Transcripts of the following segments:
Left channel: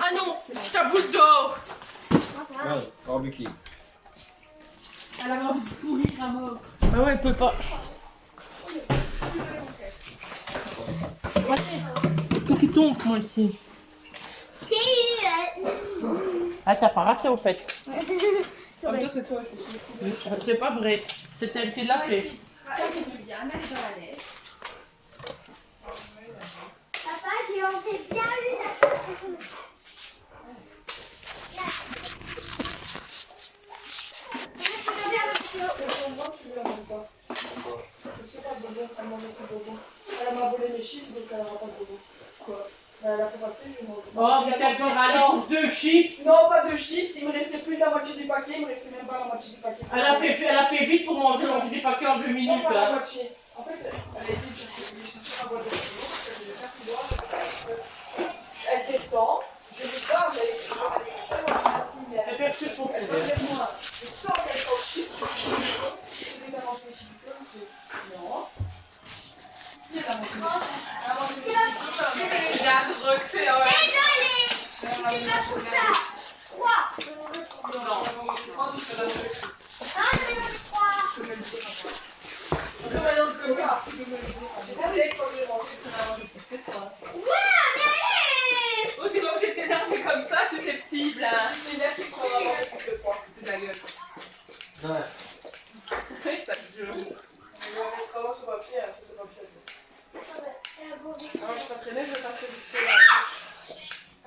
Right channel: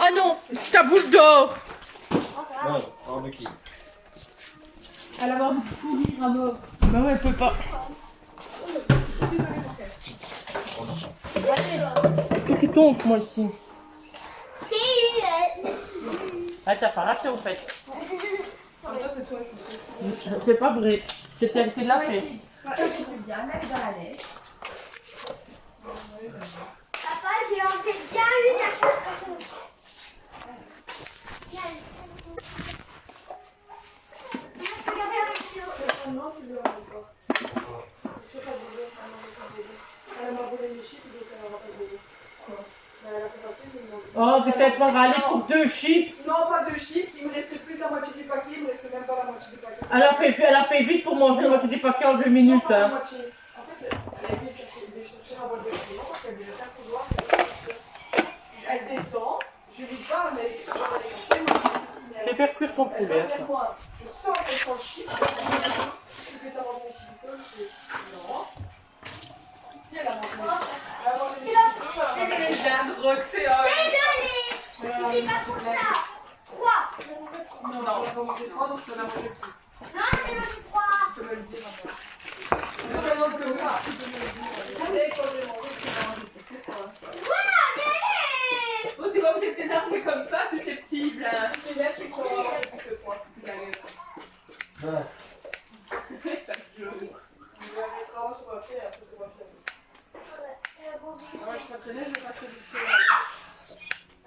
Ah non, ta boule d'or. Ouais, barbecue. Elle a envie de pourrir à mort. Bah ouais, elle peut pas. Qu'est-ce qui tombe, moi, ici? Ah, t'as pas raté, au fait. En même temps, c'est toi, je suis sûre. C'est pas vrai. C'est elle qui l'a fait. C'est bien, elle est dans la neige. Papa, j'ai en fait bien eu ta chose. Non, tu lui as même pas. Je sais pas de bébé, elle m'a enlevé son bébé. Elle m'a volé mes chips, donc elle n'aura pas de bébé. Quoi? Elle a fait passer, je lui ai demandé. Oh, peut-être pas alors 2 chips. Non, pas de chips, il me restait plus de la moitié du paquet, il me restait même pas la moitié du paquet. Elle a fait vite pour manger la moitié du paquet en 2 Non, minutes. pas la Hein. moitié. En fait, elle a été chercher ma boîte de stylo parce qu'elle devait faire couloir. Elle descend, je lui parle, mais je vais aller compter, moi je dis si, mais C'est perçu son elle poulet. va vers moi. Je sens qu'elle sent le chip. Je vais t'avancer mes chips, non. Si elle a mangé mes chips. Elle a mangé mes chips. Il a drogue, c'est Désolée, c'était pas pour ça. 3. Je me retrouve. Non, on va manger 3, donc on a mangé 6. Non, je me retrouve 3. Je vais le dire à moi. Non, mais non, je peux pas. Et quand j'ai mangé, tu m'as mangé plus que 3. Oh, t'es pas obligé de t'énerver comme ça, susceptible. Hein. C'est énergique qu'on va manger plus que 3. C'est de la gueule. Ouais. C'est ça que je veux. Je vais mettre vraiment sur papier, c'est de papier. Ah, je suis pas traînée, je vais passer vite fait là.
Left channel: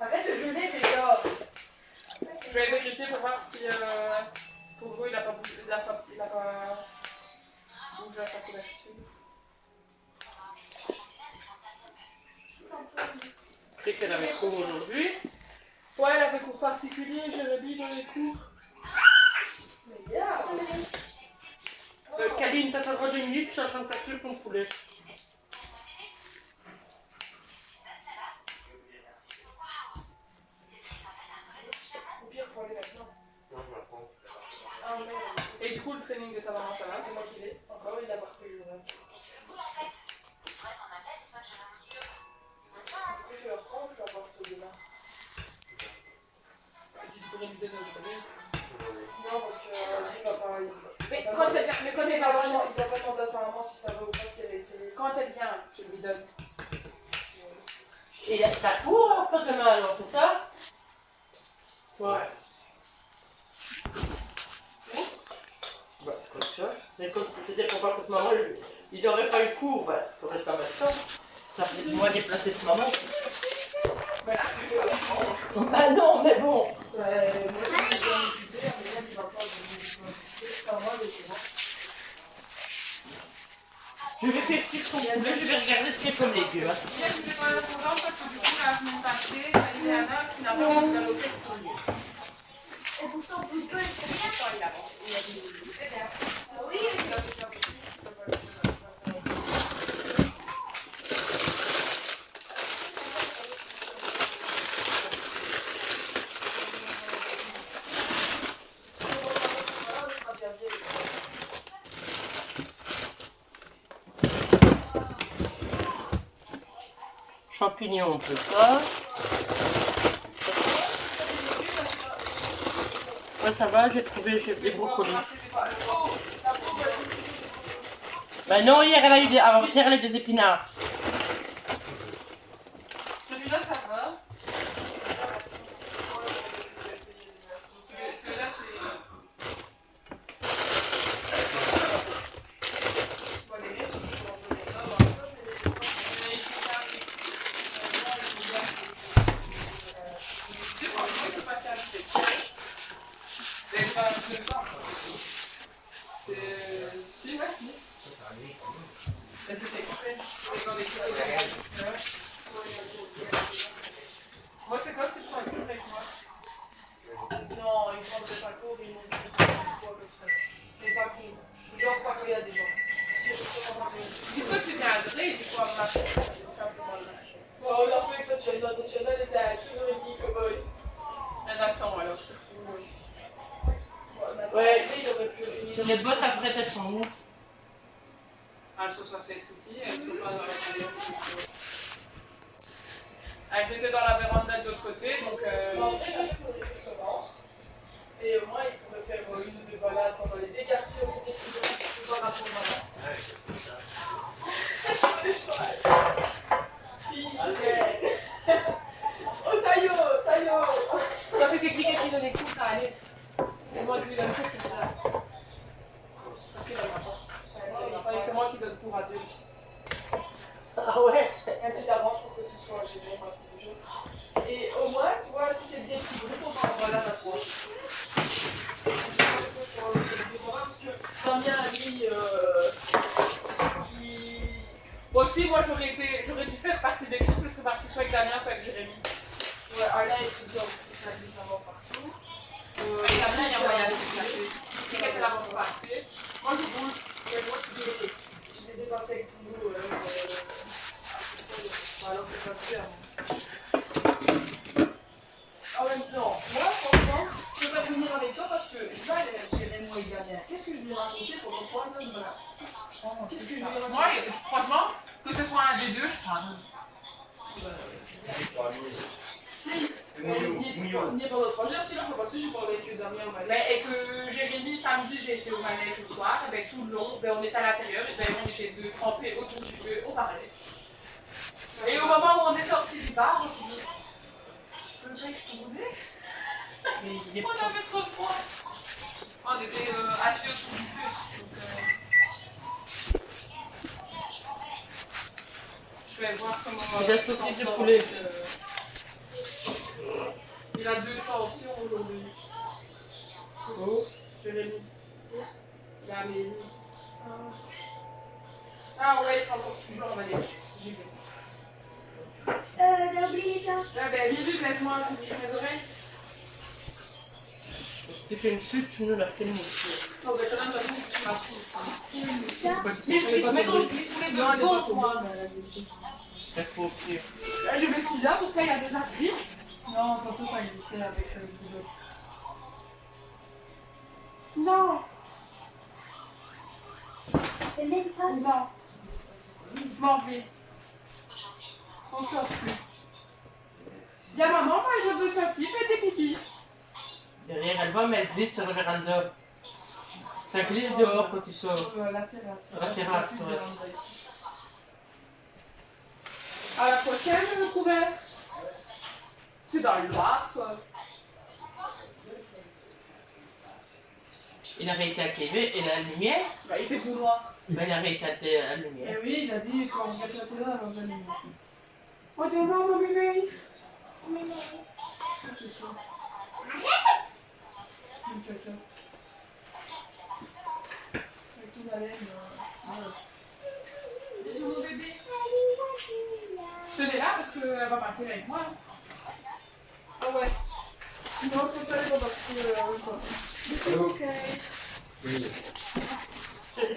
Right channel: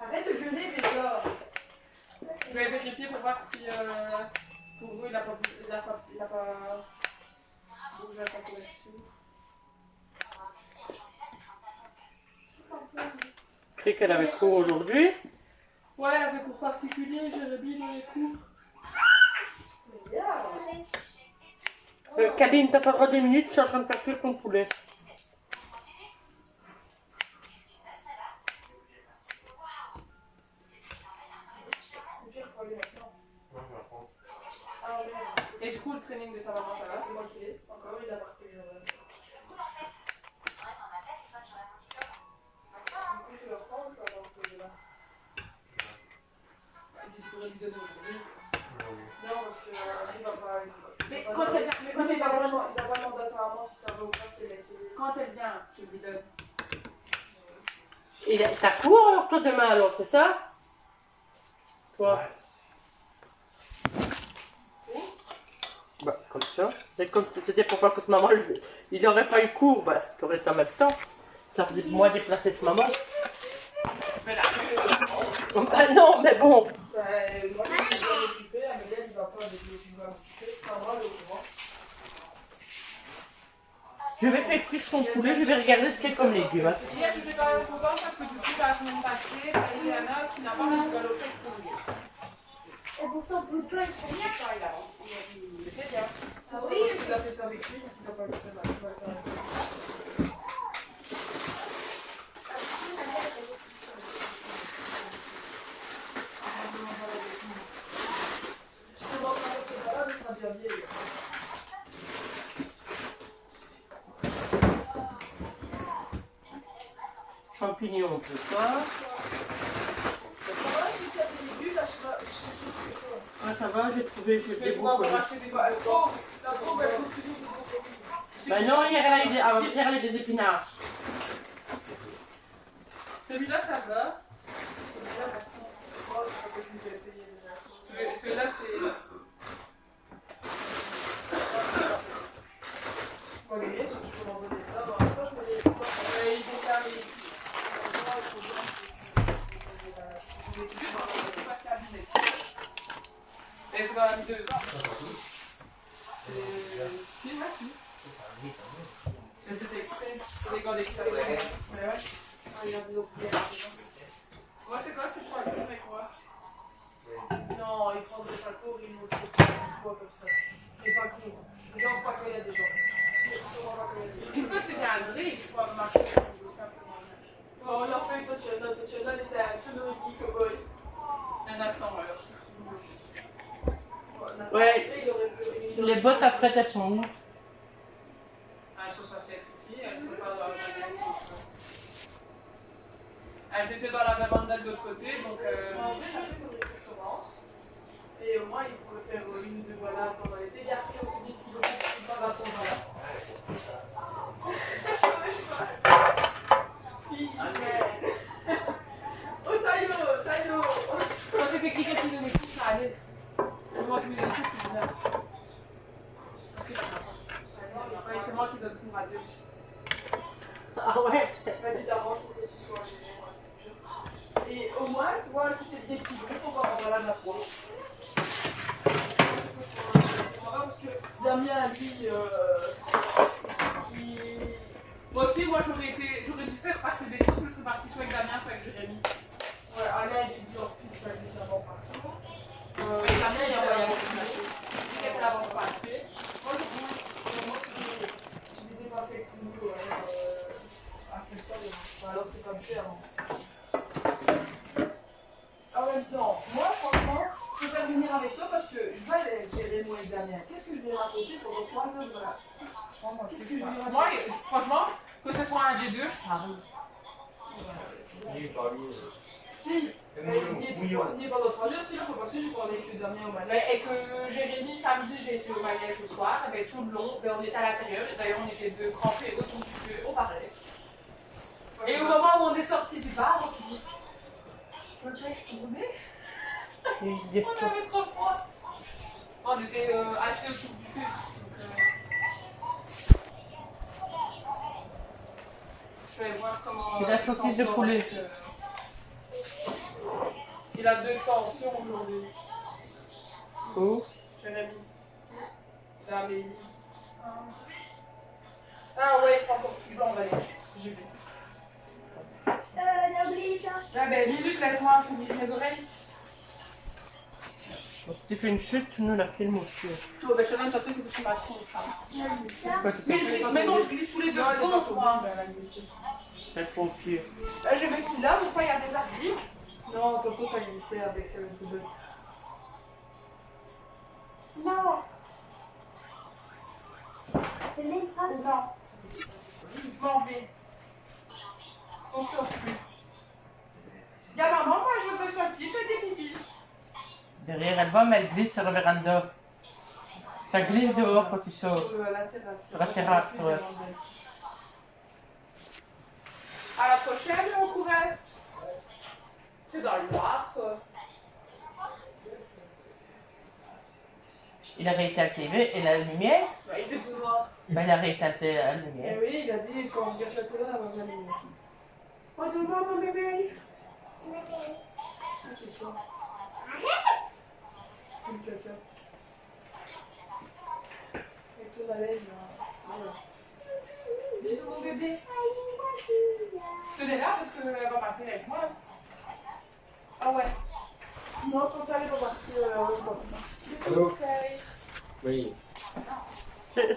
Arrête de jeûner déjà. Je vais vérifier pour voir si pour vous il a pas bougé à sa couverture. Je croyais qu'elle avait cours aujourd'hui. Ouais, elle avait cours particulier, Jérémy dans les cours. Kaline, t'as pas le droit de minutes, je suis en train de faire cuire ton poulet. Au pire, faut aller maintenant. Non, je vais apprendre. Ah, ouais, Et du coup, le training de ta maman, ça va? c'est moi qui l'ai. Encore, il a pas repris le reste. Du coup, je le reprends ou je vais apporter demain? Tu pourrais lui donner aujourd'hui. Non, parce que il va pas. Mais quand elle vient, Il va pas demander à sa maman si ça va ou pas, si elle est. quand elle vient, je lui donne. Et t'as cours alors toi demain alors, c'est ça? Toi? Bah, comme ça. C'est comme si c'était pour pas que ce maman, il n'aurait pas eu cours, bah, t'aurais été en même temps. Ça faisait moi déplacer ce maman. Mais là, bah non, mais bon. Ouais, moi je suis bien occupée, mais elle il va pas m'occuper. Pas moi, le courant. Je vais faire cuire son poulet, je vais regarder ce qu'il y a comme légumes. Hein. Hier, j'étais pas contente parce que du coup, la semaine passée, il y en a qui n'a pas envie de l'hôtel pour lui. Et pourtant, plus peu, c'est bien. Enfin, il a dit, c'est bien. Ah oui, Il a fait ça avec lui, il a pas le fait. Champignons, on peut pas. Ouais, ça va, j'ai trouvé des brocolis. Bah non, hier elle a eu des, avant-hier elle a eu des épinards. Celui-là, ça va. Celui-là, c'est... Mais c'était exprès. Moi, c'est quoi que tu prends un cours avec moi? Non, il prendrait pas court, il nous fait comme ça. Mais pas court. Genre pas quand il y a des gens. Une fois que tu t'es adoré, tu pourras marcher tout simplement. Oh, on a fait que Tatiana elle était à 6h30 que boy. Un attend alors. Ouais. Les bottes après elles sont où? Elles sont censées être ici, elles sont pas dans la véranda. Elles étaient dans la véranda de l'autre côté, donc que quelqu'un qui donne des coups, ça allait. C'est moi qui lui donne cours, c'est bizarre. Parce qu'il n'en a pas. C'est moi qui donne cours à deux. Ah ouais. Tu t'arranges pour que ce soit géré, moi, tous les jeux. Et au moins, tu vois, si c'est des petits groupes, on va en balade à trois. Parce que Damien, lui, Moi aussi, moi j'aurais dû faire partie des couples, je serais partie soit avec Damien, soit avec Jérémy. ouais, Alain étudie en plus à décembre partout. Avec Damien, il y a moyen de se placer. Quelqu'un qui l'avance pas assez. Moi je roule. Et moi, je l'ai dépassé avec nous à ce stade. Alors que ça me fait en même temps, moi, franchement, je peux pas venir avec toi parce que je vais aller gérer moi et Damien. Qu'est-ce que je vais raconter pendant 3 heures de là? Qu'est-ce que je vais raconter? Moi, franchement, que ce soit un des deux, je parle. Si, n'y est pas d'autre heure, sinon faut passer, je parlais avec Damien au manège. Et que Jérémy, samedi, j'ai été au manège au soir, avec tout le long, on était à l'intérieur, et d'ailleurs on était deux crampés autour du feu, on parlait. Et au moment où on est sorti du bar, on s'est dit, le mec tourné, Mais il est on pas. avait trop froid. On était assis autour du feu. Je vais voir comment. Il a son saucisse de poulet. Il a 2 tensions aujourd'hui. Oh. Jérémy. Amélie. Ah ouais, pardon, tu vas, on va dire. J'y vais. T'as oublié ça? Ah ben, Lulu, laisse-moi couper mes oreilles. Si tu fais une chute, nous la filme aussi. Oh ben, je te donne, de toute façon, c'est que tu m'as trop. Ça? Pourquoi tu Mais fais je glisse, mettons, je glisse tous les deux Non, elle est pas secondes, tombée, moi. mais elle a glissé. ça faut au pied? Là, je me suis là, pourquoi il y a des abris? Non, tantôt t'as glissé avec le double. Non. C'est même pas ça. Non. Je m'en vais. On sort plus. Dis à maman, moi je veux sortir, fais des pipis. Derrière, elle va, mais elle glisse sur la véranda. Ça glisse dehors quand tu sors. Sur la terrasse. Sur la terrasse, ouais. À la prochaine, couvert. Tu es dans le noir, toi. Il a rééteint la télé et la lumière. Bah, il fait tout noir. Ben, il a rééteint la Eh lumière. oui, il a dit quand on regarde la télé, elle va bien nous. Oh, demain, mon bébé. C'est ça. Une caca. Avec ton haleine, là. Bisous, mon bébé. Tenez là parce qu'elle va partir avec moi. Ah ouais. Non, quand elle est pas partie, elle va pas. Allô? Ok. Oui.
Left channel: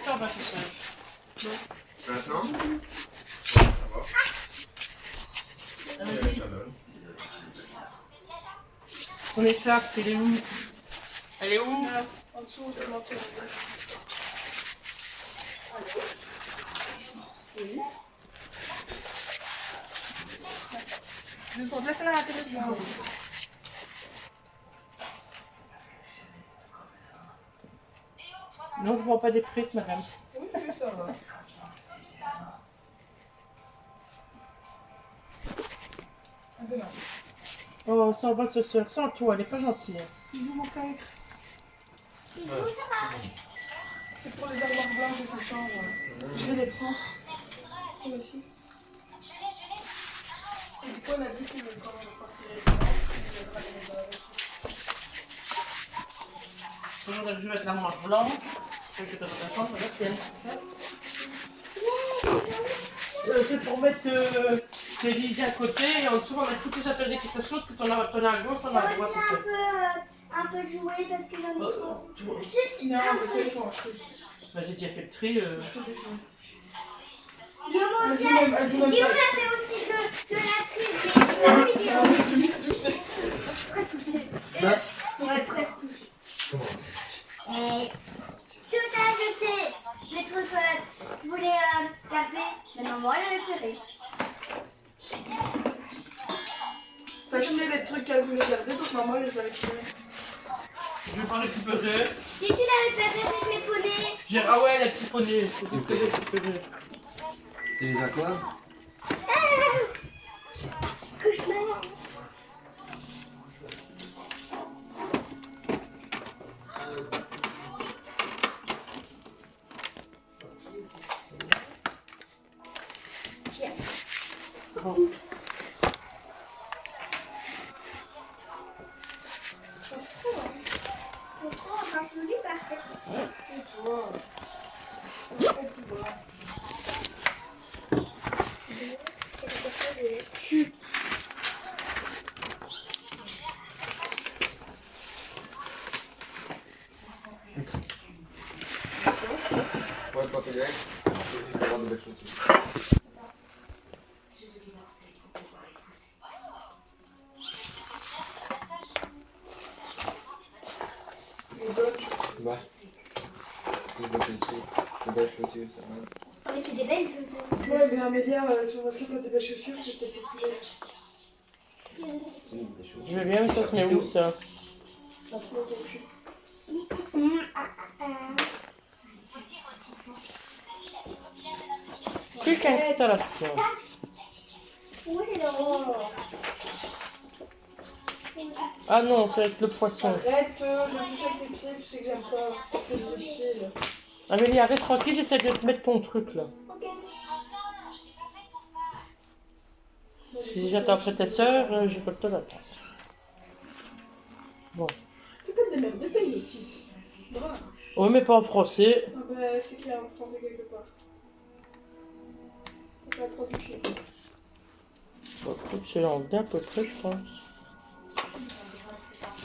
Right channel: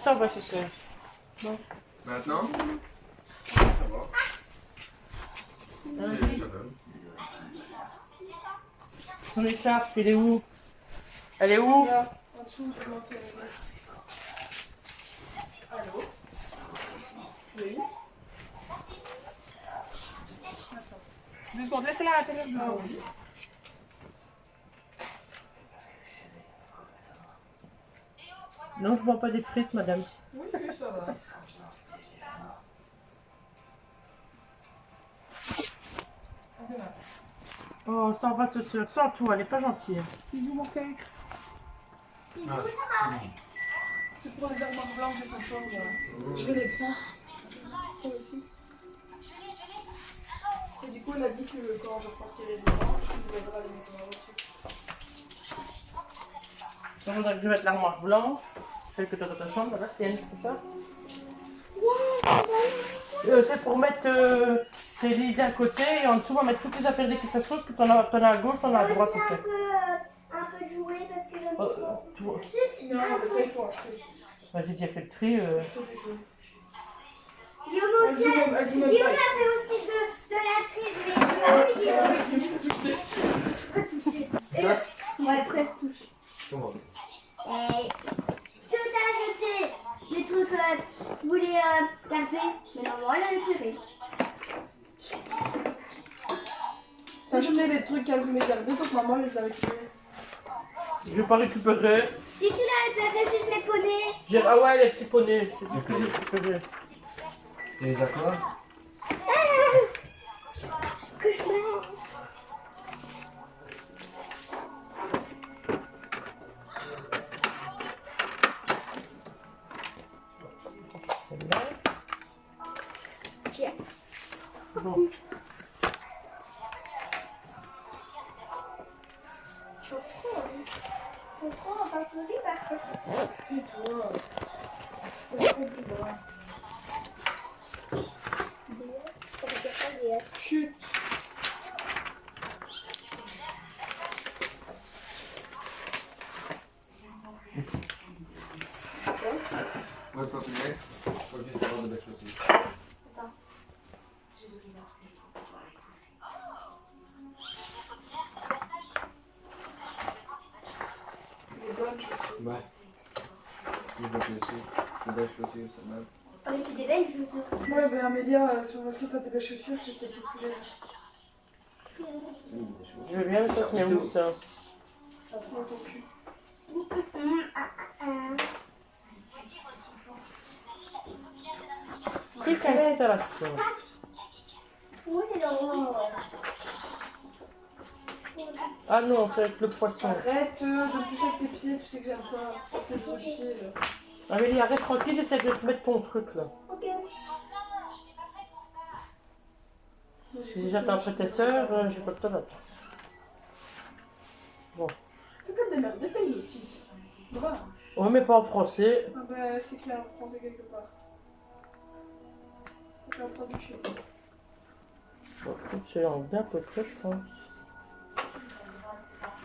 Ça va, c'est ça. Maintenant? Ça va. Vas-y. Ça donne. Ton écharpe, elle est où? Elle est où? Là, en dessous, de mon tour. Allô? Oui? Juste pour laisser là la télévision. Non, je ne vends pas des frites, madame. Oui, ça va. Un peu mal. Oh, ça va, ce soeur. Sans toi, elle est pas gentille. Bisous, mon cœur. C'est pour les armoires blanches de sa chambre. Je vais les prendre. Toi aussi. Et du coup, on a dit que quand je repartirai le dimanche, il viendra les mettre dans la voiture. Je voudrais que je mette l'armoire blanche. Celle que tu as dans ta chambre, regarde, c'est elle, c'est ça? C'est pour mettre tes lits d'un côté et en dessous on va mettre toutes les affaires d'équitation, parce que t'en as à gauche, t'en as à Moi droite. aussi ok. un peu jouer parce que j'en ai trop. Tu vois. Juste Non, un mais ça, peu. il faut acheter. J'ai déjà fait le tri. Je te déjoue. Guillaume Elle aussi. joue même, elle joue même Guillaume pas. a fait aussi de la triche. J'ai Alors, vidéo. je vais tout toucher. Presque touché. Ça? Ouais, presque touché. Comment? Et tout a jeté. Les trucs que je voulais garder. Mais non, elle a récupéré. T'as jeté les trucs qu'elle voulait garder, donc maman les a récupérés. Je vais pas récupérer. Si tu l'as récupéré, si je mets poney. Ah ouais, les petits poneys, c'est du plaisir récupérer. C'est les aquas? Que je mets. confondu par cette. Et toi. Chut. Ouais, pas plus bien. Faut juste avoir de belles chaussures. Les bonnes. Ouais. Des belles chaussures. Des belles chaussures, ça va. Oh, mais c'est des belles chaussures. Ouais, mais Amélia, sur parce que t'as des belles chaussures, que c'était populaire. Des chaussures. Je veux bien, mais ça se met où ça? Ça prend ton cul. Truc installation. Oui, c'est le rose. Ah non, c'est avec le poisson. Arrête de toucher avec tes pieds, tu sais que j'aime pas. Tes deux pieds là. Amélie, arrête tranquille, j'essaie de te mettre ton truc là. Ok. Si j'attends après tes sœurs, j'ai pas le temps d'attendre. Bon. T'es comme des merdes, t'as une notice. Bravo. Oui, mais pas en français. Ah bah, c'est clair en français quelque part. Faut pas prendre du chien. Bon, écoute, c'est l'anglais à peu près, je pense.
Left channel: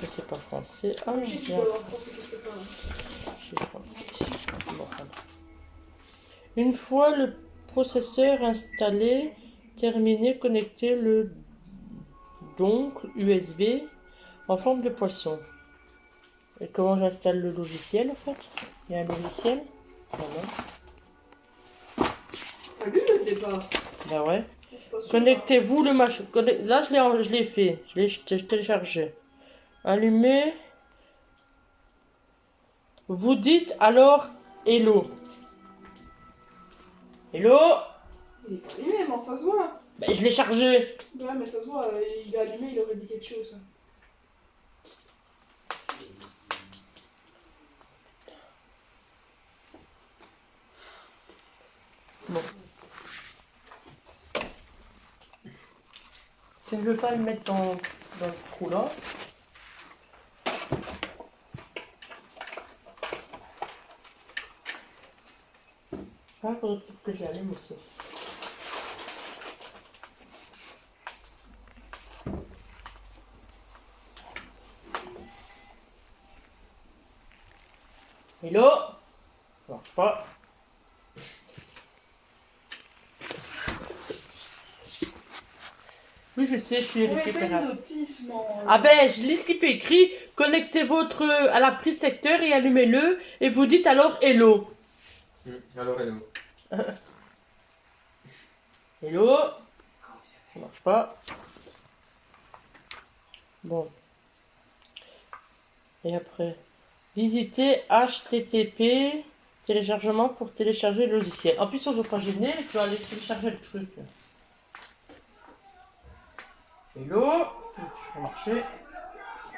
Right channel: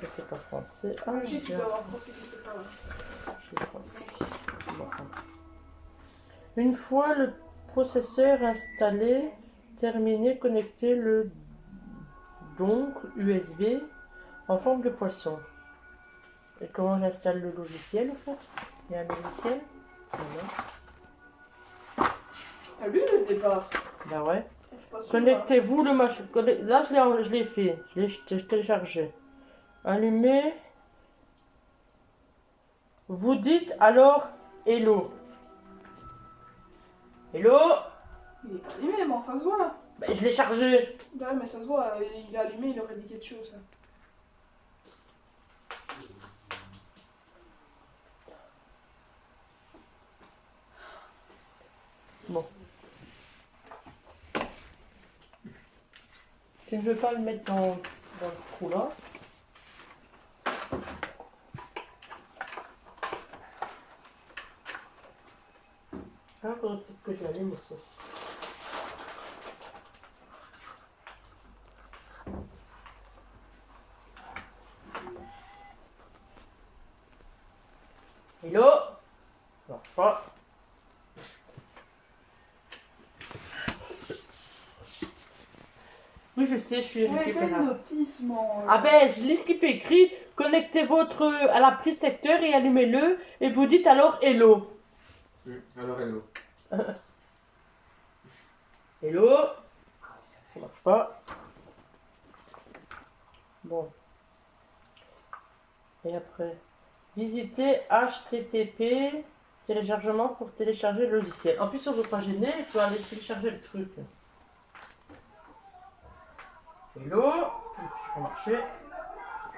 Ça, c'est pas français. Ah, Le chien qui bien. doit avoir français quelque part. C'est français. Bon, voilà. Une fois le processeur installé, terminé, connectez le dongle USB en forme de poisson. Et comment j'installe le logiciel en fait? Il y a un logiciel? Voilà. Ah, lui le départ. Bah ouais. Je suis pas sûre. Connectez-vous le machin. Là, je l'ai fait. Je l'ai téléchargé. Allumez. Vous dites alors hello. Hello? Il est pas allumé, mais ça se voit. Bah, je l'ai chargé. Ouais, mais ça se voit, il est allumé, il aurait dit quelque chose. Bon. Tu ne veux pas le mettre dans le trou là? Ah, faudrait peut-être que j'allume aussi. Hello? Ça marche pas. Oui, je sais, je suis Mais t'as une récupérable. notice, man. Ah ben, je lis ce qui fait écrit. Connectez votre à la prise secteur et allumez-le. Et vous dites alors hello. Alors, hello. Hello. Ça marche pas. Bon. Et après, visitez HTTP téléchargement pour télécharger le logiciel. En plus, on ne veut pas gêner, tu vas aller télécharger le truc. Hello. Ça va marcher.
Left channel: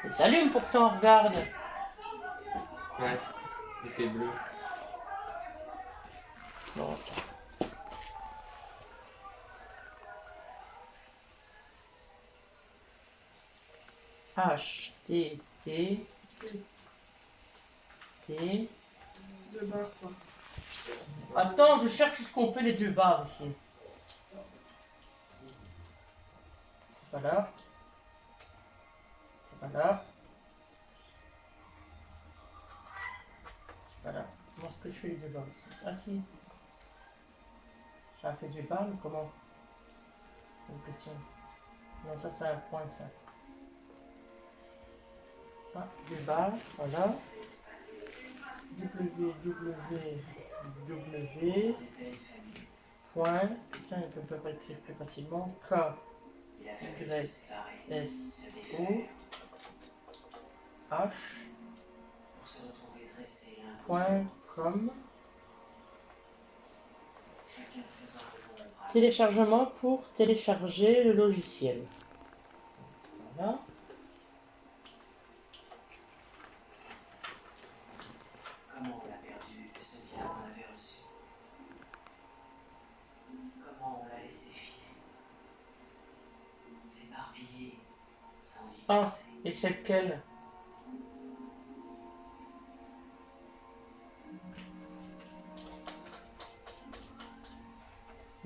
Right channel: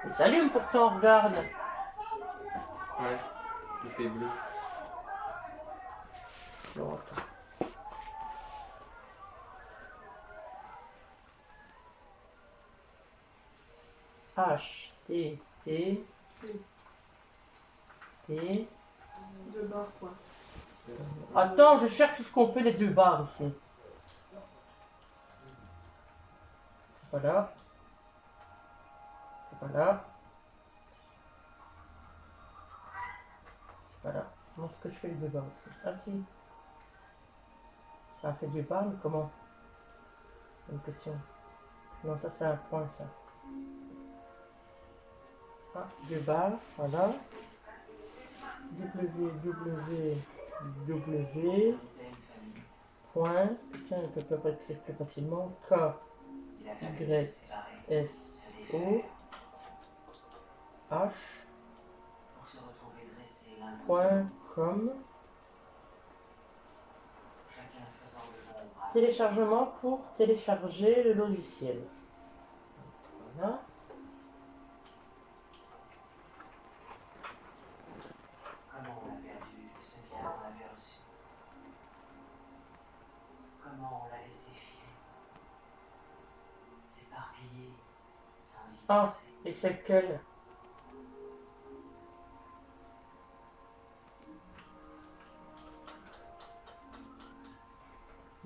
Il s'allume pourtant, regarde. Ouais. Il fait bleu. Non, attends. HTTP. Deux barres, quoi. Attends, je cherche ce qu'on fait les deux barres ici. C'est pas là. C'est pas là. C'est pas là. Comment est-ce que je fais les deux barres ici? Ah si. Ça a fait deux barres, mais comment? C'est une question. Non, ça c'est un point, ça. Ah, deux barres, voilà. www. Point. Tiens, je ne peux pas écrire plus facilement. K. Y. S. O. H. Point. Com. Téléchargement pour télécharger le logiciel. Voilà. Comment on l'a perdu, cette vie qu'on avait reçue? Comment on l'a laissé filer? S'éparpiller, sans y Ah, penser. et c'est lequel?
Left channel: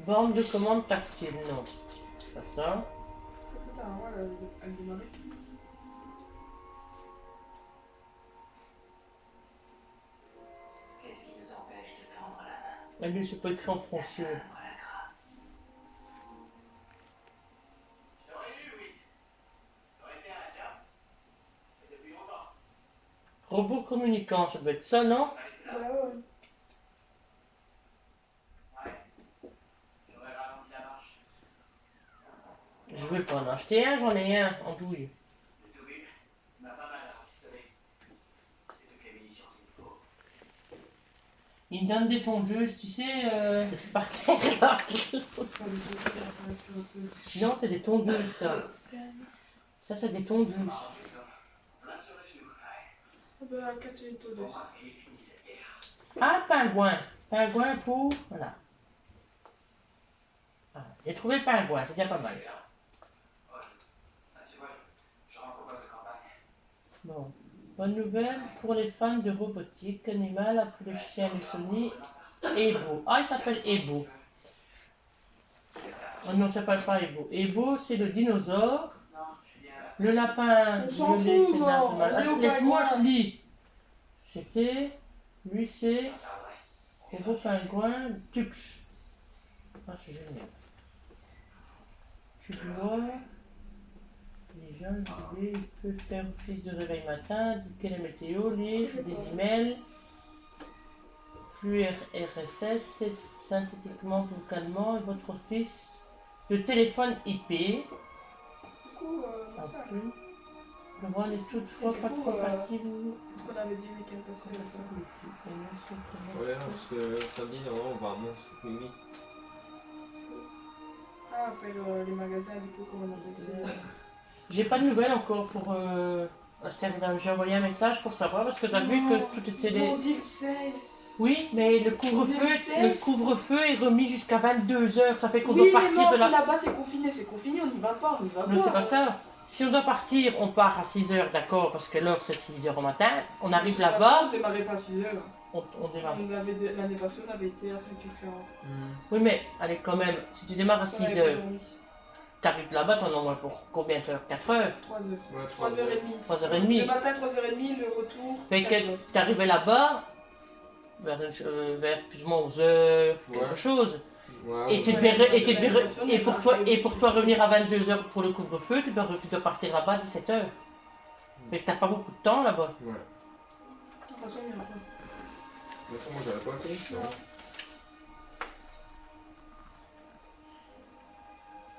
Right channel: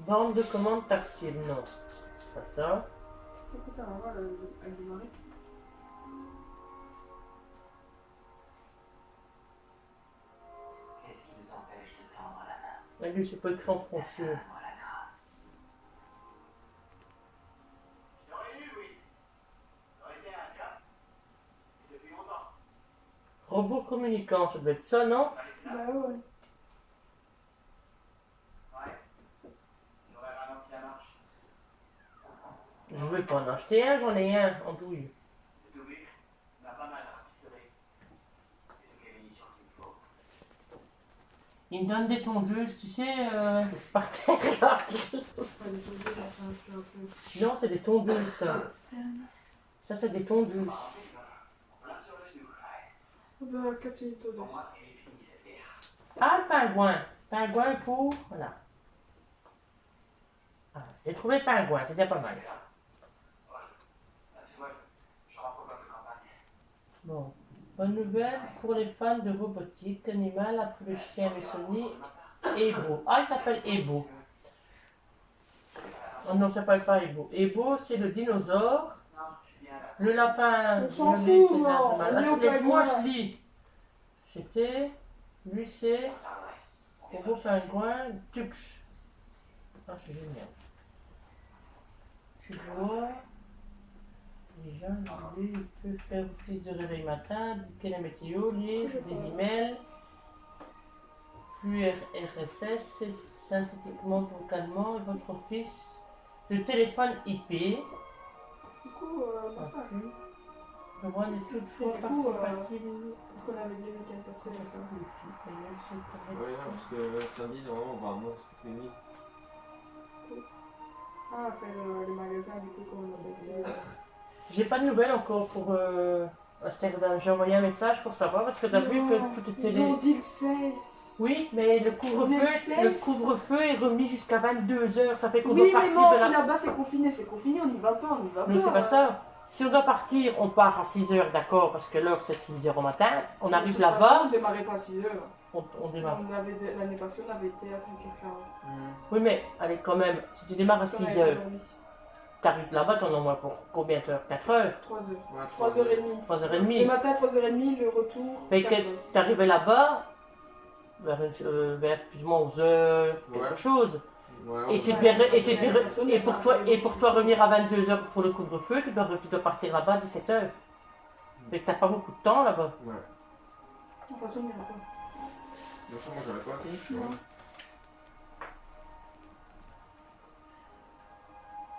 Bande de commandes tactile, non. Pas ça. Écoute, on va elle démarrer. Qu'est-ce qui nous empêche de tendre la main? Elle lui, c'est pas écrit en français. Donne-moi la grâce. Je t'aurais eu, oui. J'aurais été un diable. Et depuis longtemps. Robot communicant, ça doit être ça, non? T'as laissé là? Bah ouais. Ouais. J'aurais ralenti la marche. Je vais pas en acheter un, j'en ai un en douille. Le tout but, il m'a pas mal rafistolé. J'ai toutes les munitions qu'il me faut. Il me donne des tondeuses, tu sais, par terre là. Pas du tout, enfin, c'est un truc. Non, c'est des tondeuses, ça. C'est un... Ça, c'est des tondeuses. Ensuite, en plein sur le genou. Ouais. Bah, 4 minutes au Pour dessus. moi, il est fini cette guerre. Ah, pingouin. Pingouin pour... Voilà. Ah, j'ai trouvé pingouin, c'est déjà pas mal. Ah, tu vois, je rentre au poste de campagne. Bon. Bonne nouvelle pour les fans de robotique animale après le chien de Sony, Ebo. Ah, il s'appelle Ebo. Oh non, ça s'appelle pas Ebo. Ebo, c'est le dinosaure. Non, je suis bien là. Le lapin. On s'en violet, fout, c'est moi. naze, c'est mal. On est au Attends, laisse-moi, pingouin. je lis. C'était. Lui, c'est. Robot pingouin Tux. Ah, c'est génial. Tu vois. Les gens, lui, il peut faire office de réveil matin, indiquer la météo, lire des emails. Flux RSS, c'est synthétiquement vocalement et votre office de téléphone IP. Du coup, En ça. plus, le voix n'est toutefois Et du pas coup, compatible. Parce qu'on avait dit oui qu'elle passait avec ça. Ouais, parce que samedi, normalement, on va à Mons, c'est minuit. Ah, faire les magasins, du coup, comment on appelle ça. J'ai pas de nouvelles encore pour Amsterdam. J'ai envoyé un message pour savoir parce que t'as vu que tout était Ils ont dit le 16. Oui, mais le On est couvre-feu, le le 16. couvre-feu est remis jusqu'à 22h. Ça fait qu'on Oui, doit mais partir non, de si la. là-bas c'est confiné, on n'y va pas, on n'y va pas. Non, c'est pas ça. Si on doit partir, on part à 6h, d'accord, parce que l'heure c'est 6h au matin. On arrive De toute façon, là-bas, on démarrait pas à 6h. on démarre. L'année passée, on avait été à 5h40. Oui, mais allez, quand même, si tu démarres à 6h, t'arrives là-bas, t'en as au moins pour combien d'heures? 4 heures? 3h. Ouais, 3h30. 3h30. Le matin, 3h30, le retour. Fait 4 que heures. t'arrivais là-bas vers plus ou moins 11h, quelque Ouais. chose. Ouais, Et tu ouais. devais, Ouais, et, tu devais- personne et n'a pour toi, arrivé et pour toi revenir à 22h pour le couvre-feu, tu dois partir là-bas à 17h. Fait que t'as pas beaucoup de temps là-bas. Ouais. De toute façon, on n'ira pas. De toute façon, moi, j'aurais pas aussi. Non.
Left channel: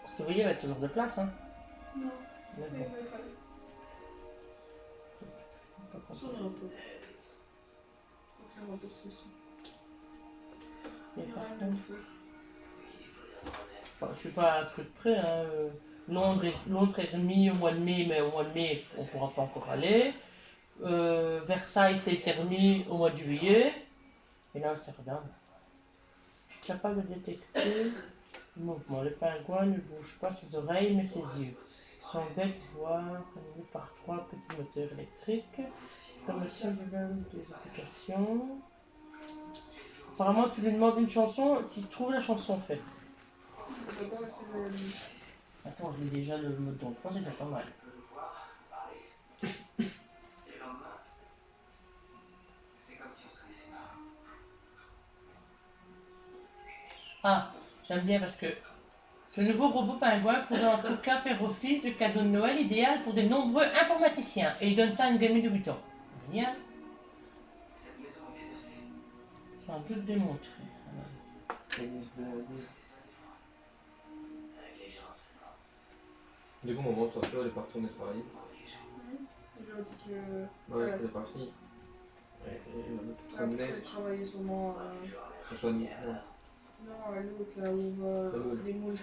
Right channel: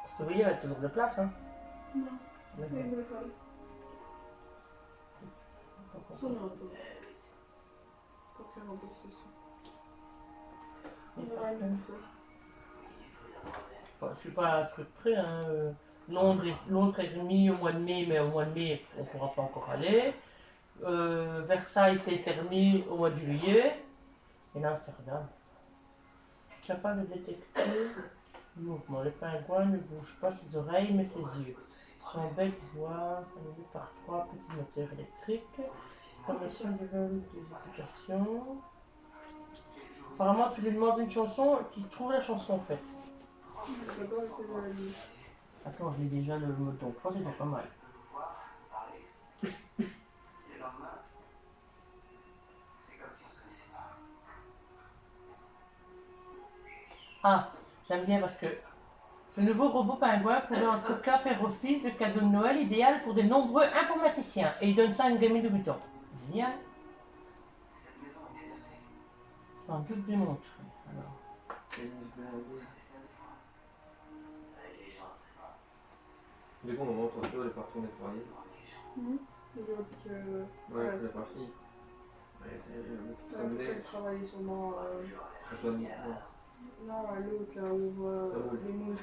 Cette il y a toujours de place, hein. Non, D'accord. il va pas aller. De toute façon, on n'ira pas. Tant qu'il y aura pas de session. Et On par ira une contre, autre fois. enfin, je suis pas à un truc près, hein. Londres est remis au mois de mai, mais au mois de mai, on pourra pas encore aller. Versailles, c'est remis au mois de juillet. Et là, Amsterdam. Capable de détecter le mouvement. Le pingouin ne bouge pas ses oreilles, mais ses yeux. Son bec voit, conduit par 3 petits moteurs électriques. Promotion de des applications. Apparemment, tu lui demandes une chanson, tu trouves la chanson en fait. D'abord, essayer de la lire. Attends, je lis déjà le mode d'emploi, c'est déjà pas mal. Je peux vous voir, vous parler. Et le lendemain, c'est comme si on se connaissait pas. Ah, j'aime bien parce que ce nouveau robot pingouin pourrait en tout cas faire office de cadeau de Noël idéal pour de nombreux informaticiens. Et il donne ça à une gamine de 8 ans. Génial. Cette maison est désertée. Sans doute démontré. Alors, Tennis blindé. On serait seul des fois. Avec les gens, c'est pas. Du coup, au moment où toi, elle est pas retournée travailler. Avec les gens. Il lui a dit que. Ouais, elle est pas fini. Ouais, En plus, elle travaillait sûrement. François de Non, l'autre là où on voit Le moule. les moules.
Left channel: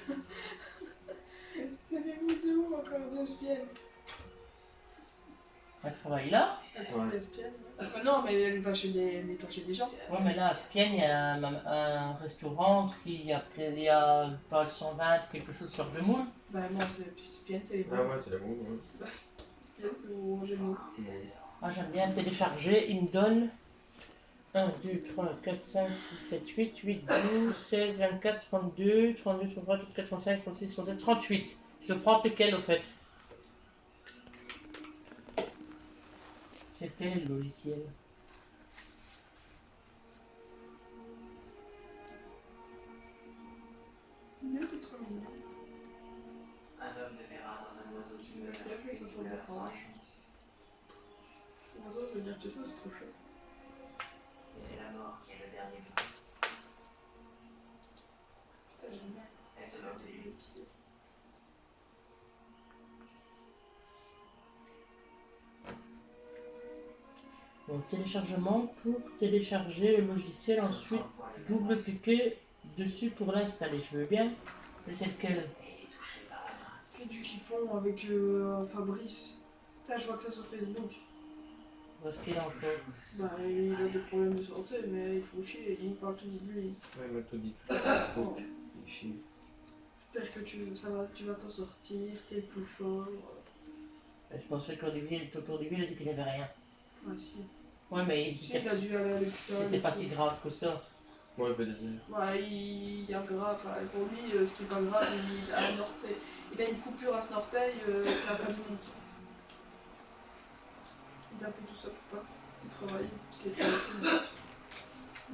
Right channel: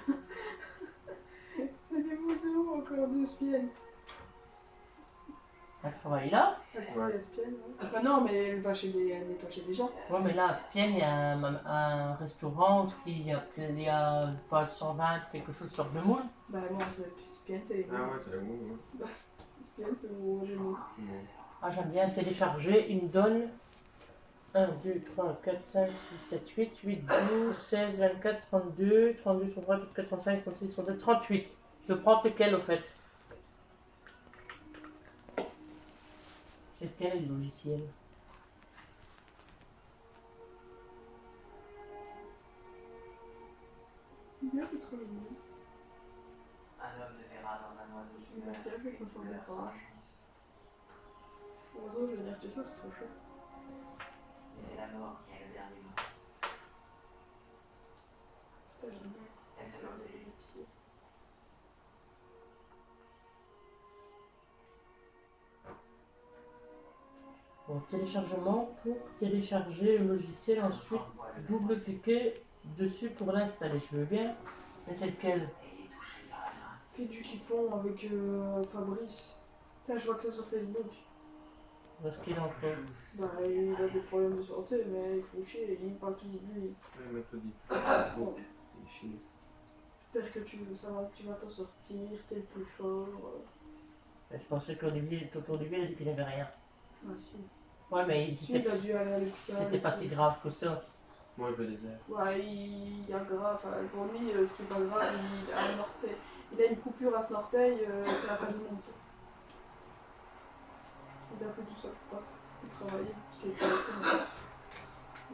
C'est des moules de haut encore, 2 spiennes. elle travaille là. Elle travaille à Spienne, ouais. Enfin, non, mais elle va chez les, elle nettoie chez des gens. Ouais, mais là, à Spienne, il y a un restaurant qui il y a pas 120, quelque chose sur de moules. Bah, non, Spienne, c'est les Ah moules. ouais, c'est la boue, ouais. Spienne, c'est où on mange les moules. Ah, j'aime bien télécharger. Il me donne 1, 2, 3, 4, 5, 6, 7, 8, 8, 12, 16, 24, 32, 32, 33, 34, 35, 36, 37, 38. Je prends lequel au fait? C'est quel le logiciel? Bien, c'est trop mignon. Un homme ne verra dans un oiseau qui meurt Il a fait son qu'une faute de fleur sans forage. jaunisse. L'oiseau, je veux dire que ça, c'est trop chaud. Mais c'est la mort qui a le dernier mot. Putain, j'aime bien. Elle se donne de lui. Bon, téléchargement pour télécharger le logiciel, ensuite double-cliquer dessus pour l'installer. Je veux bien. Mais c'est lequel? Et touché par la main. Qu'est-ce qu'ils font avec Fabrice? Putain, je vois que ça sur Facebook. Où est-ce qu'il est encore? Bah, il a des problèmes de santé, mais il faut chier, il parle tout de lui. Ouais, il m'a tout dit. Bon, Il est chiant. j'espère que tu vas t'en sortir, t'es le plus fort. Je pensais qu'Olivier, Toto Olivier, il a dit qu'il n'y avait rien. Ouais, si. Ouais, mais Si, il a dû aller à l'hôpital. c'était et pas tout. si grave que ça. Moi, il veut des airs. Ouais, il y a grave. Enfin, pour lui, ce qui est pas grave, il a un orteil. Il a une coupure à son orteil, c'est la fin du monde. Il a fait tout ça pour pas travailler, parce qu'il était avec nous.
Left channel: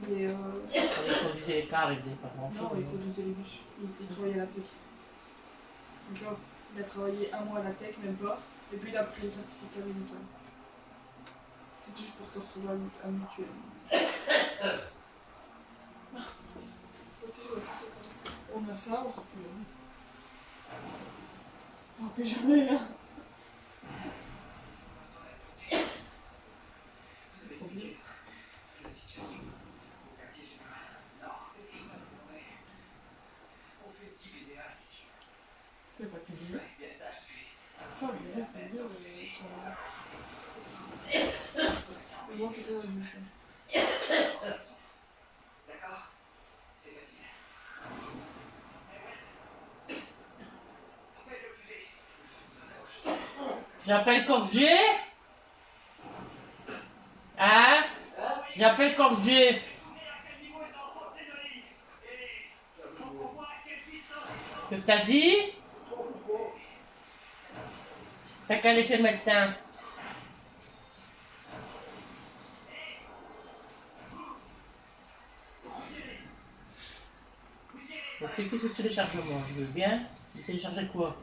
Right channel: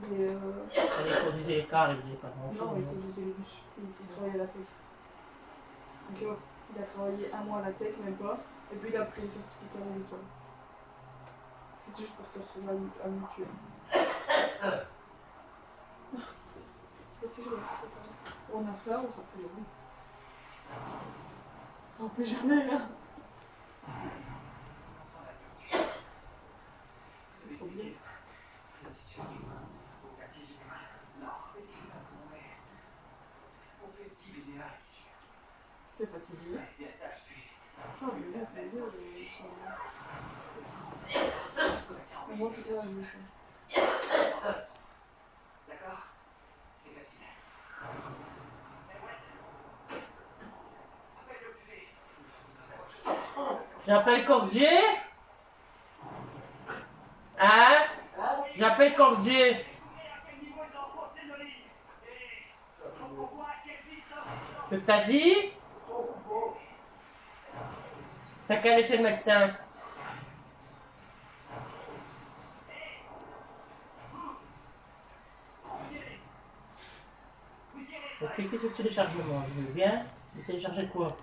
Mais Quand il conduisait les cars, il faisait pas grand chose. non, il conduisait les bus. Il travaillait à la tech. Encore, il a travaillé 1 mois à la tech, même pas. Et puis il a pris le certificat médical. C'était juste pour te retrouver à mutuel. Aussi, je vais faire ça. On a ça, on sera plus jamais. On sera plus jamais, hein. Vous Trop bien. la situation au quartier général. Non, est-ce que ça pourrait... On fait une cible idéale ici. T'es fatigué? Bien ça, je suis. Enfin, mais là, tes yeux, ils sont... Mais moi, en tout cas, je sens. D'accord? C'est facile. Eh ouais. Appelle le QG. J'appelle Cordier. Hein? J'appelle Cordier. À quel niveau ils ont enfoncé nos lignes? Et faut qu'on voit à quelle distance ils sont. Qu'est-ce que t'as dit? T'as qu'à aller chez le médecin. Donc cliquez sur téléchargement, je veux bien. Mais télécharger quoi?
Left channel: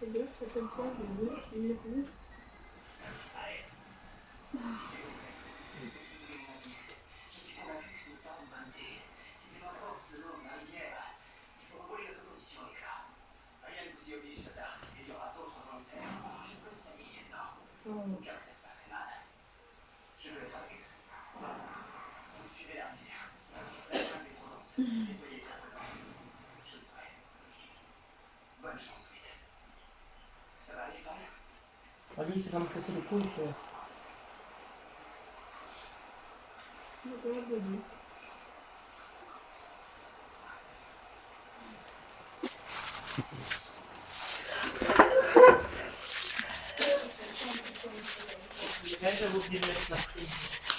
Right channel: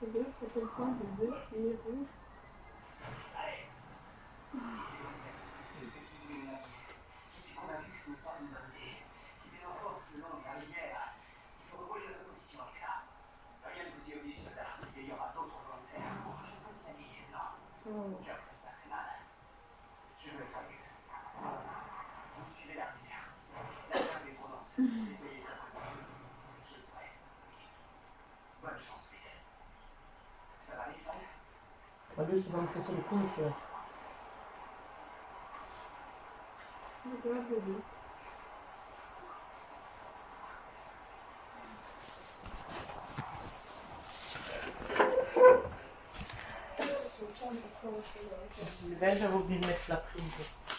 Regarde, à quel point le bébé, il est rouge. Si tu es convaincu que ce n'est pas une bonne idée, si tu t'enfonces le long de la rivière, il faut rouler notre position avec là. Rien ne vous y oblige, soldat. Il y aura d'autres volontaires. Je peux essayer, non. Au cas où ça se passerait mal. Je veux être avec eux. Vous suivez la rivière. La jungle est trop dense. Et soyez très prudents. Je le serai. Bonne chance, Sweet. Ça va les faire? Ah lui, c'est va me casser le cou, ça. Regarde le bébé. J'avais oublié de mettre la prise.